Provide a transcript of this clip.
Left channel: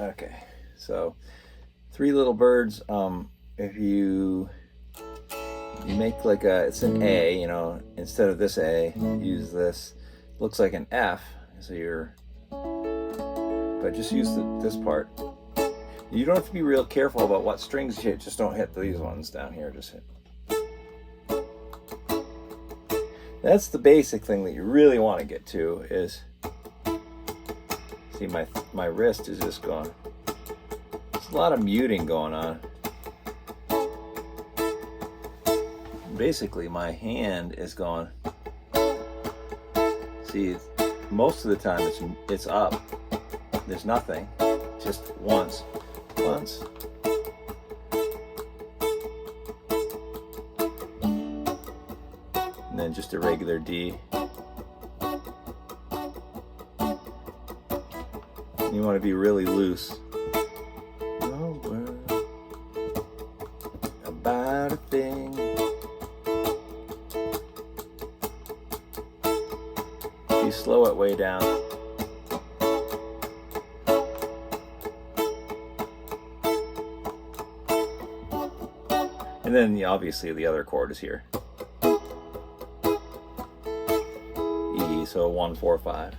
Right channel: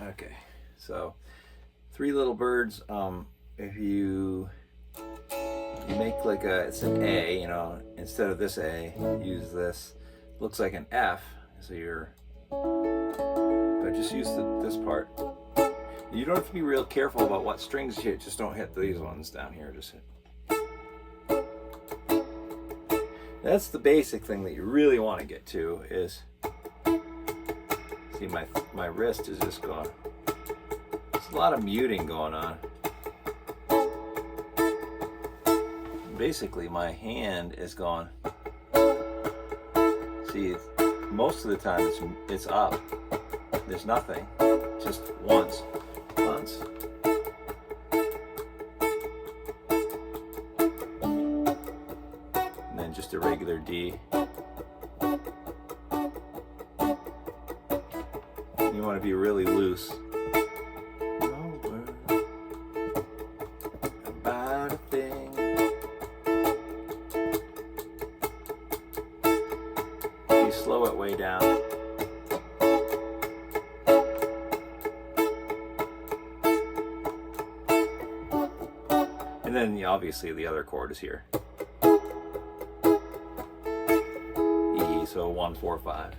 Okay, so three little birds. If you make like it's an A, instead of this A, use this. Looks like an F, so but just use this part. You don't have to be real careful about what strings you hit. Just don't hit these ones down here. Just hit. That's the basic thing that you really want to get to is, see my wrist is just going. There's a lot of muting going on. Basically my hand is going. See, most of the time it's up. There's nothing. Just once. And then just a regular D. You want to be really loose. No word about a thing. You slow it way down. And then obviously the other chord is here. E, so 1, 4, 5.